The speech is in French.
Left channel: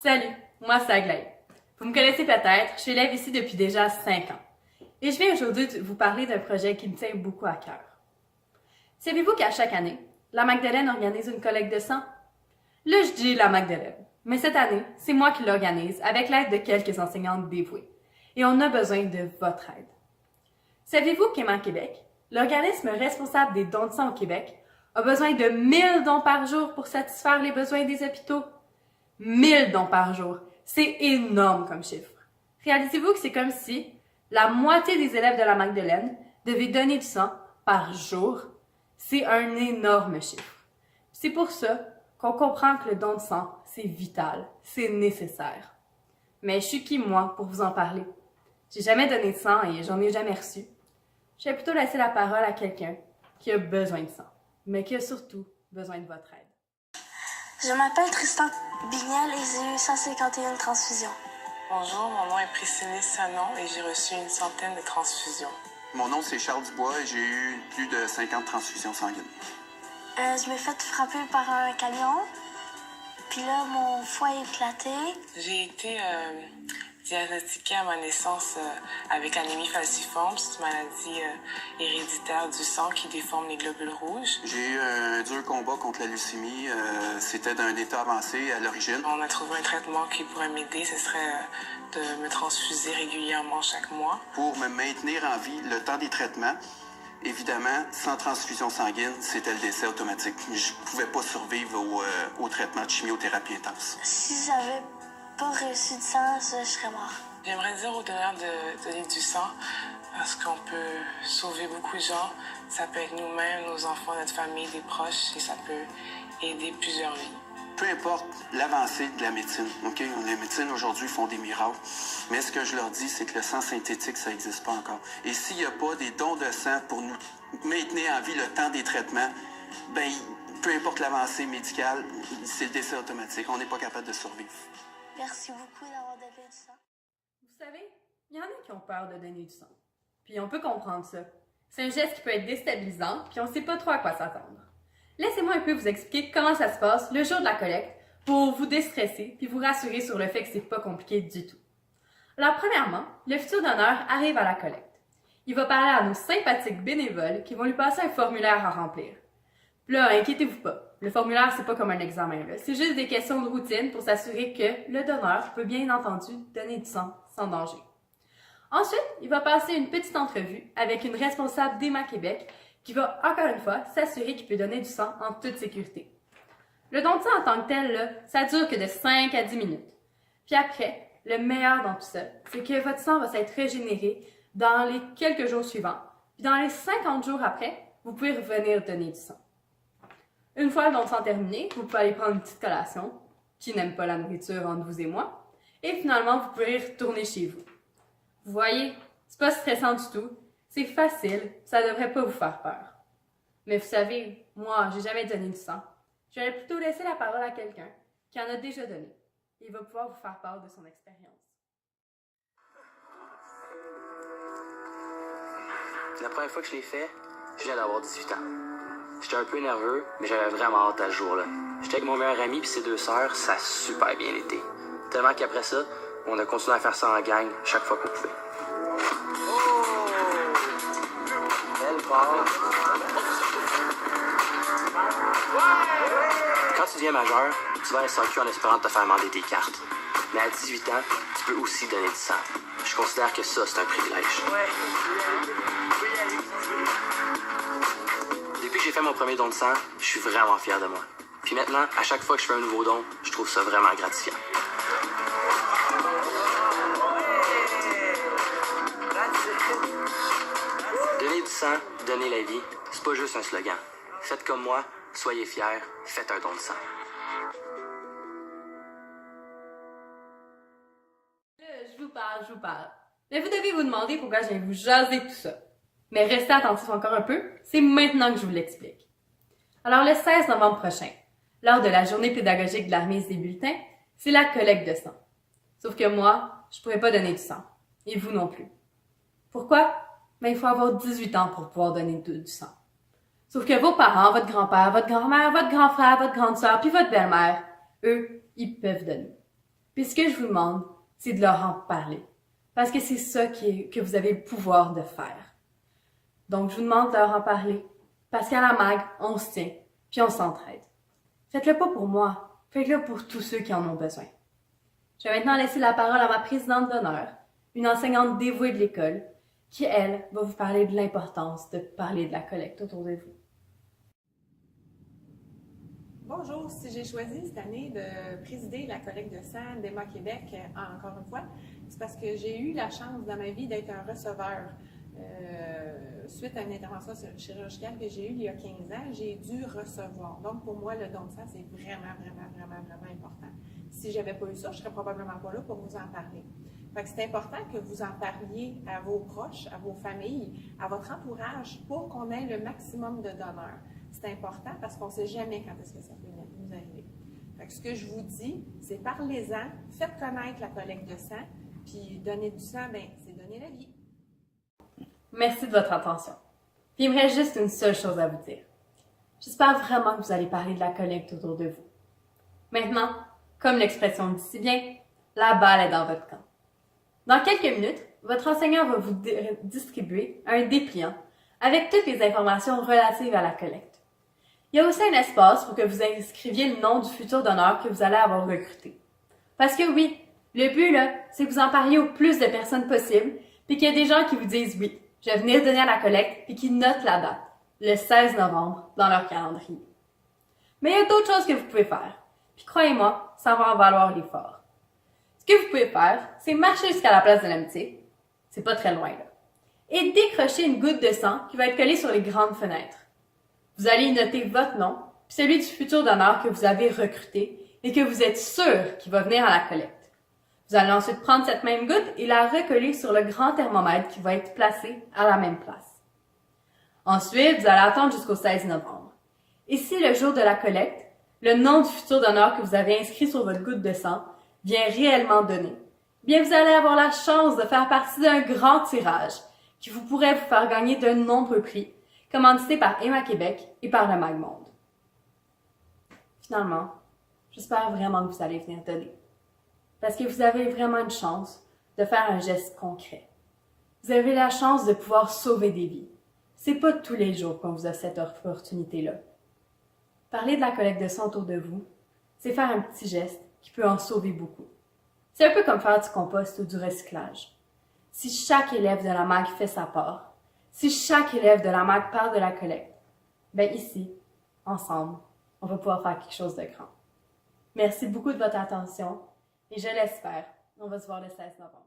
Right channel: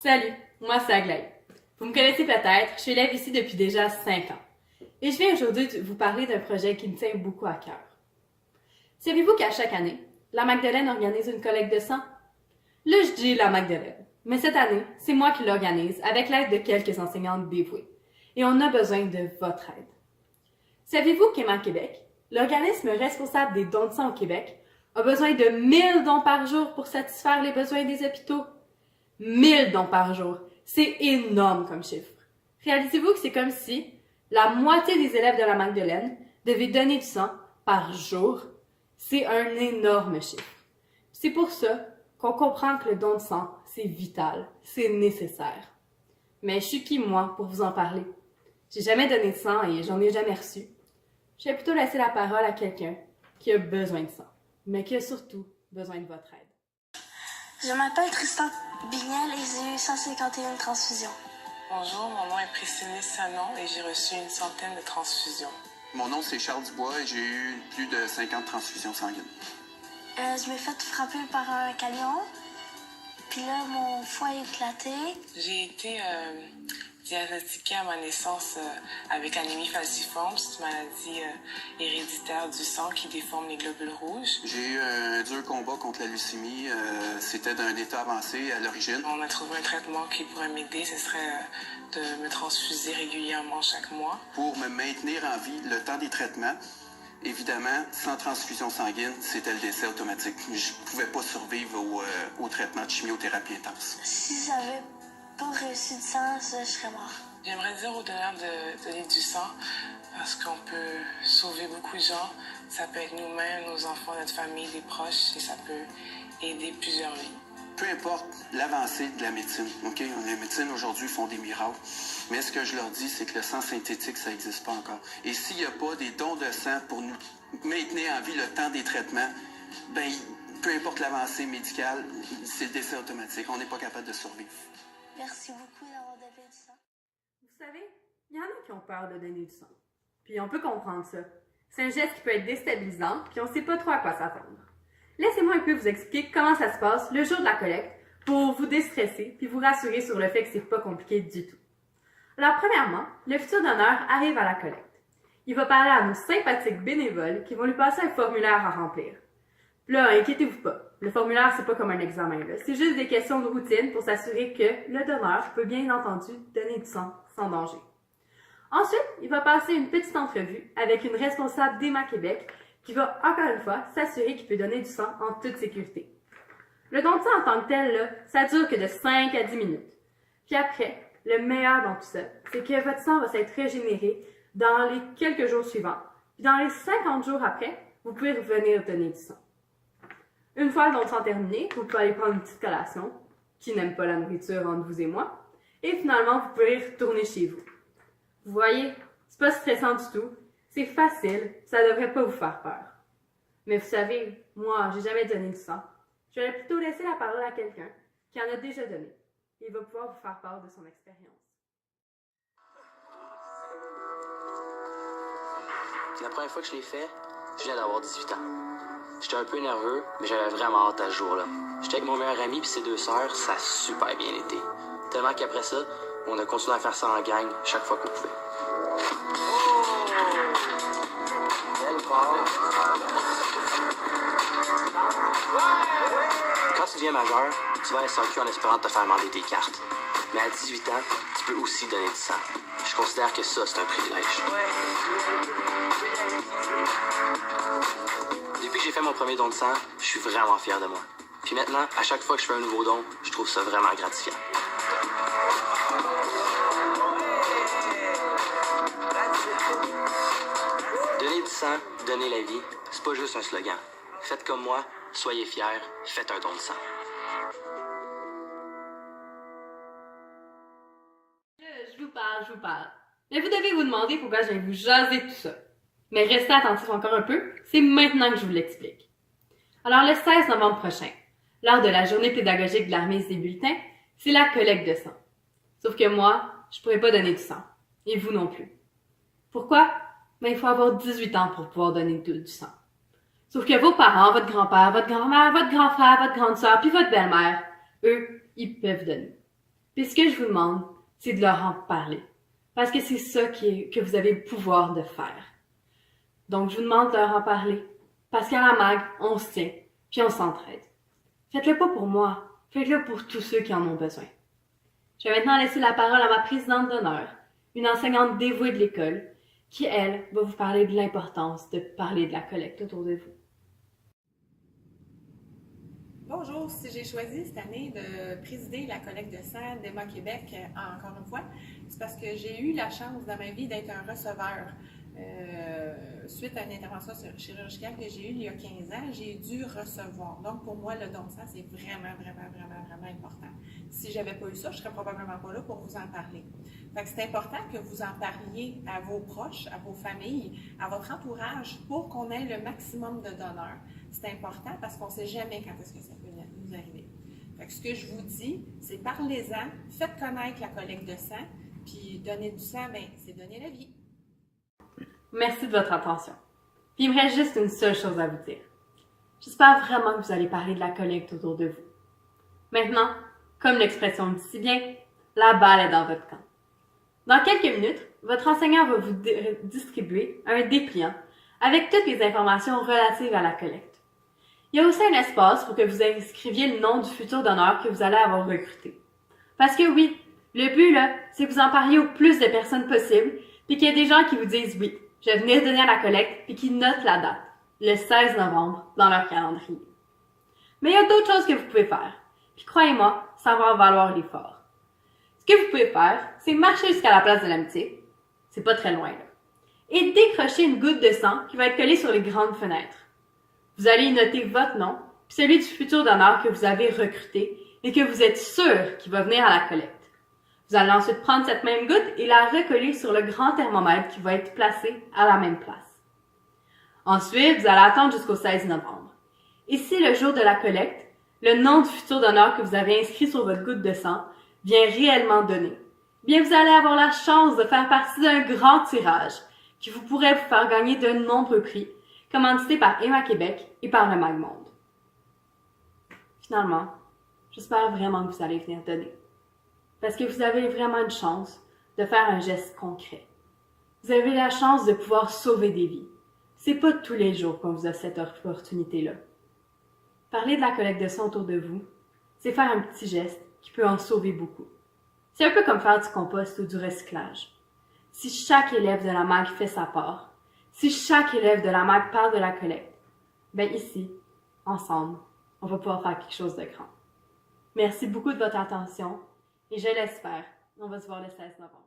Salut, moi c'est Aglaé. Vous me connaissez peut-être, je suis élève ici depuis déjà 5 ans. Et je viens aujourd'hui vous parler d'un projet qui me tient beaucoup à cœur. Savez-vous qu'à chaque année, la Magdeleine organise une collecte de sang? Là, je dis la Magdeleine, mais cette année, c'est moi qui l'organise avec l'aide de quelques enseignantes dévouées. Et on a besoin de votre aide. Savez-vous qu'Emma Québec, l'organisme responsable des dons de sang au Québec, a besoin de 1000 dons par jour pour satisfaire les besoins des hôpitaux? 1000 dons par jour. C'est énorme comme chiffre. Réalisez-vous que c'est comme si la moitié des élèves de la Magdeleine devaient donner du sang par jour. C'est un énorme chiffre. C'est pour ça qu'on comprend que le don de sang, c'est vital, c'est nécessaire. Mais je suis qui, moi, pour vous en parler? J'ai jamais donné de sang et j'en ai jamais reçu. Je vais plutôt laisser la parole à quelqu'un qui a besoin de sang, mais qui a surtout besoin de votre aide. Je m'appelle Tristan Bignel et j'ai eu 151 transfusions. Bonjour, mon nom est Priscilla Sanon et j'ai reçu une centaine de transfusions. Mon nom, c'est Charles Dubois et j'ai eu plus de 50 transfusions sanguines. Je m'ai fait frapper par un camion, puis là, mon foie a éclaté. J'ai été diagnostiquée à ma naissance avec l'anémie falciforme. C'est une maladie héréditaire du sang qui déforme les globules rouges. J'ai eu un dur combat contre la leucémie. C'était d'un état avancé à l'origine. On a trouvé un traitement qui pourrait m'aider. Ce serait de me transfuser régulièrement chaque mois. Pour me maintenir en vie le temps des traitements, évidemment, sans transfusion sanguine, c'était le décès automatique. Je ne pouvais pas survivre au traitement de chimiothérapie intense. Si j'avais pas reçu de sang, je serais mort. J'aimerais dire aux donneurs de donner du sang parce qu'on peut sauver beaucoup de gens. Ça peut être nous-mêmes, nos enfants, notre famille, des proches et ça peut aider plusieurs vies. Peu importe l'avancée de la médecine, OK? Les médecines aujourd'hui font des miracles, mais ce que je leur dis, c'est que le sang synthétique, ça n'existe pas encore. Et s'il n'y a pas des dons de sang pour nous maintenir en vie le temps des traitements, ben, peu importe l'avancée médicale, c'est le décès automatique. On n'est pas capable de survivre. Merci beaucoup d'avoir donné du sang. Vous savez, il y en a qui ont peur de donner du sang. Puis on peut comprendre ça. C'est un geste qui peut être déstabilisant, puis on ne sait pas trop à quoi s'attendre. Laissez-moi un peu vous expliquer comment ça se passe le jour de la collecte pour vous déstresser puis vous rassurer sur le fait que c'est pas compliqué du tout. Alors premièrement, le futur donneur arrive à la collecte. Il va parler à nos sympathiques bénévoles qui vont lui passer un formulaire à remplir. Là, inquiétez-vous pas, le formulaire c'est pas comme un examen, là. C'est juste des questions de routine pour s'assurer que le donneur peut bien entendu donner du sang sans danger. Ensuite, il va passer une petite entrevue avec une responsable d'Emma Québec qui va, encore une fois, s'assurer qu'il peut donner du sang en toute sécurité. Le don de sang en tant que tel, là, ça dure que de 5 à 10 minutes. Puis après, le meilleur dans tout ça, c'est que votre sang va s'être régénéré dans les quelques jours suivants. Puis dans les 50 jours après, vous pouvez revenir donner du sang. Une fois le don de sang terminé, vous pouvez aller prendre une petite collation, qui n'aime pas la nourriture entre vous et moi, et finalement, vous pouvez retourner chez vous. Vous voyez, c'est pas stressant du tout. C'est facile, ça devrait pas vous faire peur. Mais vous savez, moi, j'ai jamais donné de sang. Je vais plutôt laisser la parole à quelqu'un qui en a déjà donné. Il va pouvoir vous faire part de son expérience. La première fois que je l'ai fait, je viens d'avoir 18 ans. J'étais un peu nerveux, mais j'avais vraiment hâte à ce jour-là. J'étais avec mon meilleur ami et ses 2 sœurs, ça a super bien été. Tellement qu'après ça, on a continué à faire ça en gang chaque fois qu'on pouvait. Quand tu deviens majeur, tu vas à SAQ en espérant te faire demander tes cartes. Mais à 18 ans, tu peux aussi donner du sang. Je considère que ça, c'est un privilège. Depuis que j'ai fait mon premier don de sang, je suis vraiment fier de moi. Puis maintenant, à chaque fois que je fais un nouveau don, je trouve ça vraiment gratifiant. Donner du sang, donner la vie, c'est pas juste un slogan. Faites comme moi, soyez fiers, faites un don de sang. Je vous parle. Mais vous devez vous demander pourquoi je vais vous jaser tout ça. Mais restez attentifs encore un peu, c'est maintenant que je vous l'explique. Alors le 16 novembre prochain, lors de la journée pédagogique de la remise des bulletins, c'est la collecte de sang. Sauf que moi, je pourrais pas donner du sang. Et vous non plus. Pourquoi? Il faut avoir 18 ans pour pouvoir donner du sang. Sauf que vos parents, votre grand-père, votre grand-mère, votre grand frère, votre grande sœur, puis votre belle-mère, eux, ils peuvent donner. Puis ce que je vous demande, c'est de leur en parler. Parce que c'est ça que vous avez le pouvoir de faire. Donc, je vous demande de leur en parler. Parce qu'à la MAG, on se tient, puis on s'entraide. Faites-le pas pour moi, faites-le pour tous ceux qui en ont besoin. Je vais maintenant laisser la parole à ma présidente d'honneur, une enseignante dévouée de l'école, qui, elle, va vous parler de l'importance de parler de la collecte autour de vous. Bonjour, si j'ai choisi cette année de présider la collecte de sang d'Emma Québec, encore une fois, c'est parce que j'ai eu la chance dans ma vie d'être un receveur. Suite à une intervention chirurgicale que j'ai eue il y a 15 ans, j'ai dû recevoir. Donc, pour moi, le don de sang, c'est vraiment important. Si je n'avais pas eu ça, je ne serais probablement pas là pour vous en parler. Fait que c'est important que vous en parliez à vos proches, à vos familles, à votre entourage pour qu'on ait le maximum de donneurs. C'est important parce qu'on ne sait jamais quand est-ce que ça peut nous arriver. Fait que ce que je vous dis, c'est parlez-en, faites connaître la collecte de sang, puis donner du sang, ben, c'est donner la vie. Merci de votre attention. Puis il me reste juste une seule chose à vous dire. J'espère vraiment que vous allez parler de la collecte autour de vous. Maintenant, comme l'expression dit si bien, la balle est dans votre camp. Dans quelques minutes, votre enseignant va vous distribuer un dépliant avec toutes les informations relatives à la collecte. Il y a aussi un espace pour que vous inscriviez le nom du futur donneur que vous allez avoir recruté. Parce que oui, le but là, c'est que vous en parliez au plus de personnes possible, puis qu'il y ait des gens qui vous disent oui, je vais venir donner à la collecte, puis qui notent la date, le 16 novembre, dans leur calendrier. Mais il y a d'autres choses que vous pouvez faire. Puis croyez-moi, ça va en valoir l'effort. Ce que vous pouvez faire, c'est marcher jusqu'à la place de l'amitié. C'est pas très loin, là. Et décrocher une goutte de sang qui va être collée sur les grandes fenêtres. Vous allez y noter votre nom, puis celui du futur donneur que vous avez recruté et que vous êtes sûr qu'il va venir à la collecte. Vous allez ensuite prendre cette même goutte et la recoller sur le grand thermomètre qui va être placé à la même place. Ensuite, vous allez attendre jusqu'au 16 novembre. Et si le jour de la collecte, le nom du futur donneur que vous avez inscrit sur votre goutte de sang vient réellement donner, bien vous allez avoir la chance de faire partie d'un grand tirage qui vous pourrait vous faire gagner de nombreux prix, commandités par Emma Québec et par le MAG Monde. Finalement, j'espère vraiment que vous allez venir donner. Parce que vous avez vraiment une chance de faire un geste concret. Vous avez la chance de pouvoir sauver des vies. C'est pas tous les jours qu'on vous a cette opportunité-là. Parler de la collecte de sang autour de vous, c'est faire un petit geste qui peut en sauver beaucoup. C'est un peu comme faire du compost ou du recyclage. Si chaque élève de la MAG fait sa part, si chaque élève de la MAG parle de la collecte, ben ici, ensemble, on va pouvoir faire quelque chose de grand. Merci beaucoup de votre attention et je l'espère, on va se voir le 16 novembre.